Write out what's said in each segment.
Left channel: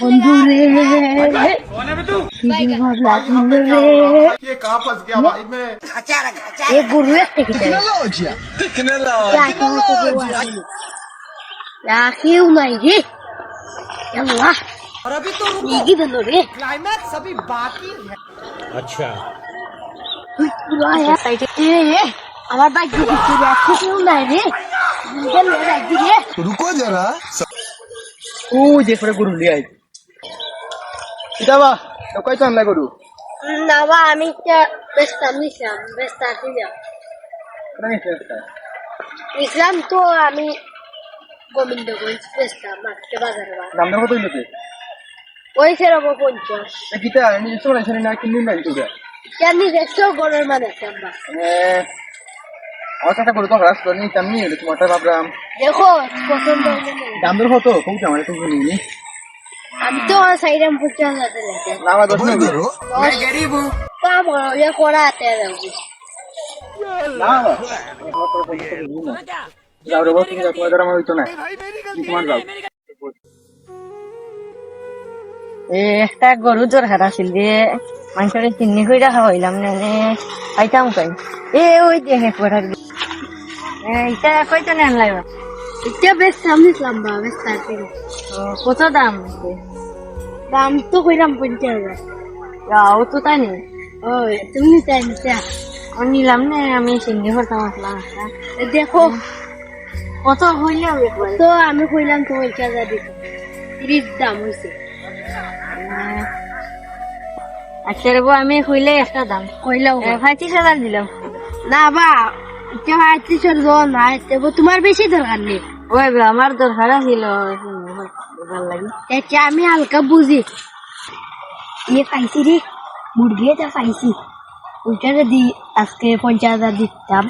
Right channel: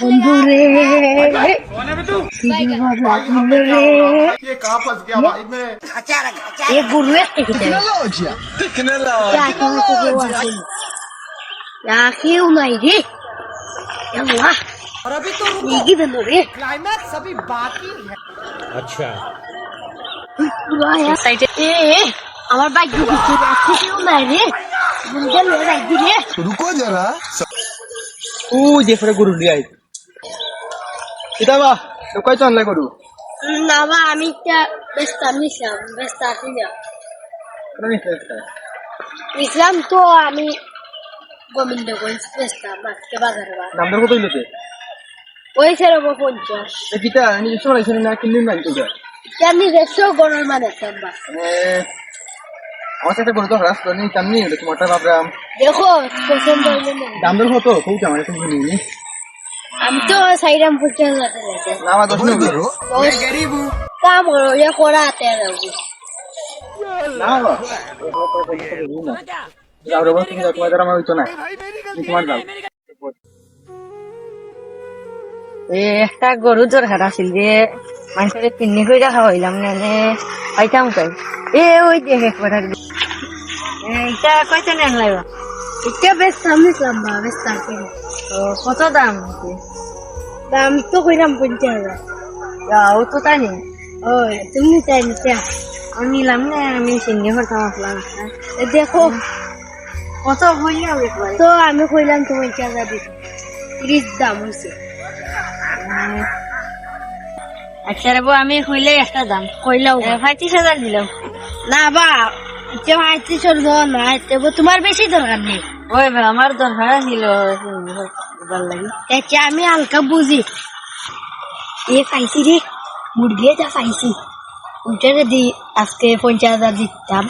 बंधु रे ये कहाँ फंस गया भाई मैं। ये गुरु है टेक्नोलॉजी क्या क्यों नहीं रे यल्ला और अभी तो ये बंधु रे क्लाइमैक्स अभी बाकी है। अच्छा पूरा यार साइड ए আমার বাইক দিকে চলে আসছে কেউ নাই রে বুঝে লে বাইক দিকে रुको जरा। ওই যে পরে গরু লিয়ে আই কিতাবা তো কই তো আনলাই গরু না বা আমি একটা ব্যস্ত নিছিলাম ব্যস্ত ছিলাম ইসলাম তো আমি গোবিন্দগঞ্জ ব্যস্ত মাছকে বাজারে দাম দর কত হইলো ওই সেরকম 50 কিতা নিজস্ব লাইছেন না কিনুন না কিতা জানি দেখছো গরুর মানে সাম্বা আমার কাছে গরু তো রাস্তা নেই তেমনি হলো তোমারটা ভাবলাম দেখো পছন্দ হলো না দাম দর কত কইতে আমার তুমি নিনি আমি তো সাইরাম পছন্দ করতে লাগে না আমার দশ নেই मैं गरीब हूँ। কাম হলো ये কোরাতে যাবো না যাও রে বস তুমি তোমার দ্বারা আমার হইতো না তোমার দাও একটা গরু দরকার আছিল যে মানুষের চিনি করে রাখা হইলাম না খাইতাম খাই ওই দেখে একবার এটা কইতে নেন লাগবা এটা বেশ সামনে লম্বা বেশ তাকে কত দাম দাম তো কইরাম 50,000 ও তো তাই নি ওই তুমি তাই নিতে নিলাম না আমি চিনি করতাম আসলাম দেখো কত হইলাম একবার তো আমি কইলাম তো 50,000 দিতে 30 দাম হইছে আচ্ছা রে আমি হইলে একটা দাম কইলাও 35,000 দিলাম না বা এটা ভাইছি চল না তবে তোমার বেশি দরকার নেই ওই আমার দরকার ছিল ভাল লাগি এটা আমি হালকা বুঝি ये পাইছি রে মুরগি এটা পাইছি ওইটারে দি আজকে 50,000 দিতাম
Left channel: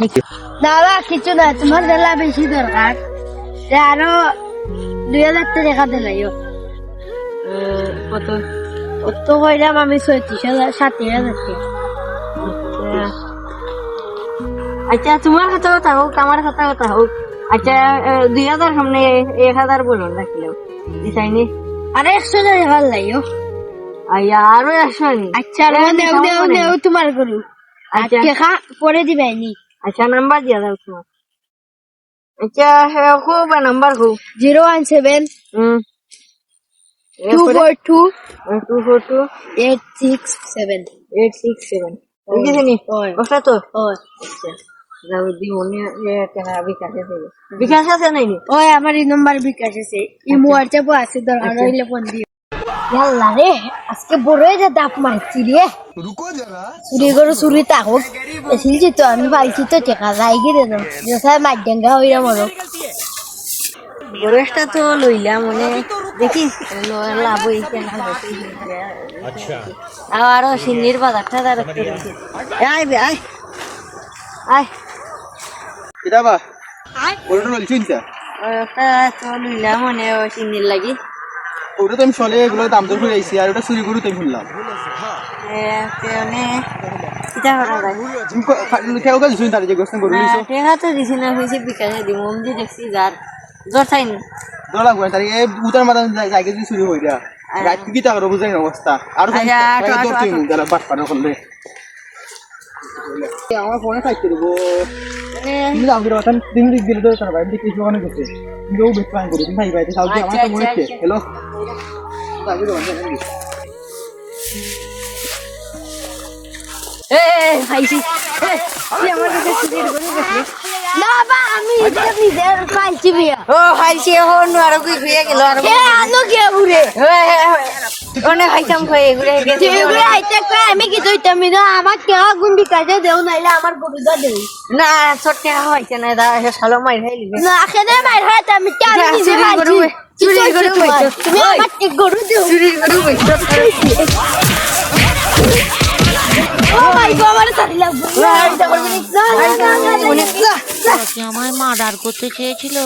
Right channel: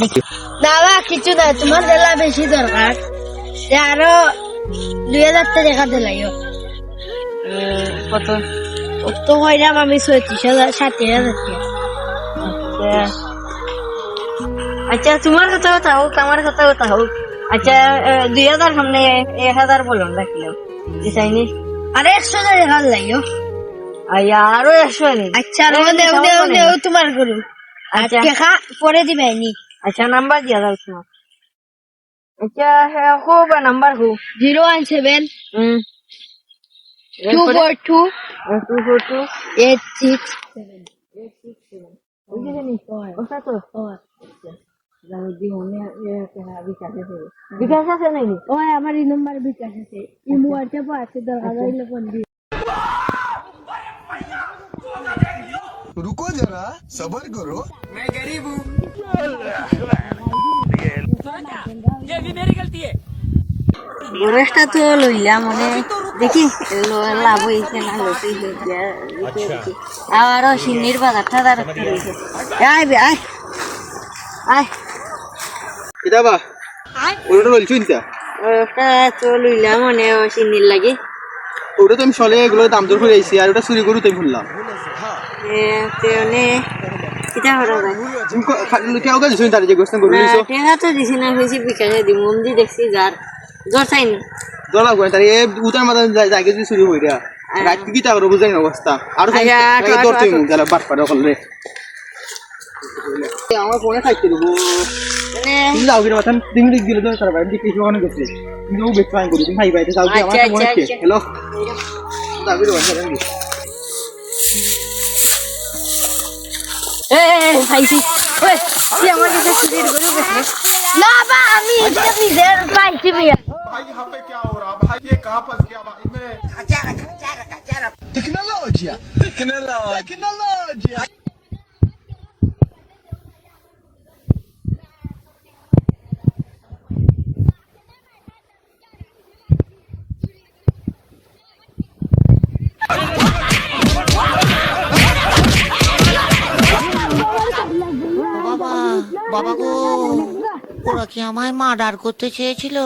দেখি না বা কিছু না তোমার দেলা বেশি দরকার আরো 2,000 টাকা দিলাইও কত তো হইলাম আমি 36,000 37,000 আচ্ছা তোমার কথা কথা হোক আমার কথা কথা হোক আচ্ছা 2,000 সামনে 1,000 বলুন রাখলাম দিছাইনি আরে 100 টাকা লাইও আরো 100 নি আচ্ছা দেও তোমার গরু আচ্ছা টাকা পরে দিবেনি আচ্ছা নাম্বার দিয়া দাও তোমার আচ্ছা হ্যাঁ খুব নাম্বার খুব 017 242 242 867 867 বুঝিস নি ওই কত তো ওই আচ্ছা যাও দি মনে টাকা বিকাশ আছে নাই নি ওই আমার এই নাম্বার বিকাশ আছে এই হোয়াটসঅ্যাপ আছে দরকার হইলে ফোন দিও আল্লাহ রে আজকে বড়ই যে দাপ মারছি রে रुको जरा। চুরি করে চুরি তাকো এসেছি তো আমি পাইছি তো টাকা যাই গিয়ে দেবো যথা মাইডেঙ্গা হইরা মনে বড়টা তো লইলাম মনে দেখি লাভ হইছে না अच्छा আবারও সিন্নির বাজারটা তার আয় বে আয় আয় কিতাবা ওটা লইছো ইনতা ওটা তো লইলাম মনে সিন্নির লাগি ওটা তো আমি চলে এগুলো দাম দর করে আইছি আর ওটা চুরি গরু তাই ভুললাম তেনে কিতা করা যায় কেউ কাজ শুনি তার যে গোস্ত গরু নিছো টেকা তো দিছি না হয়েছি বিকাশে দি মন্দির দেখছি যার জ্বর চাইনি দলা গয় তার এই উতার মাথা জায়গা দিয়ে চুরি হইরা রাত কি তা করব বুঝাই না অবস্থা আর জায়গা দরতে মু যারা বাট পাড়া করলে আমার ফোনে খাইতে দিব তুমি যাও কি মাথান তুমি দিক দিলে তো তার ভাই দিক কিছু মনে করছে কিন্তু ও বেশ ফাইন করি তুমি ভাই ভাইতে যাও কি আমার মনে হচ্ছে হ্যালো যাবি তো পাইছি তুই আমার কাছে চুরির গরু গেছিস না বা আমি এটা নিজের পাইছি বিয়া ও খাইছি এখন আর কি হয়ে গেল আর আনো কে ঘুরে অনেক খাইতাম হয়ে ঘুরে তুই আইতে আমি কি তুইতাম না আমার কেউ গুণ বিকাশে দেও নাইলে আমার গরুটা দেও না ছোট হইছে না দা শালো মাই খাইলি না খেদে মার হয় আমি কি আমি নিজে মারছি চুরি গরু তুমি আমার কি গরু দেও চুরি গরু আমায় মার্ডার করতে চেয়েছিল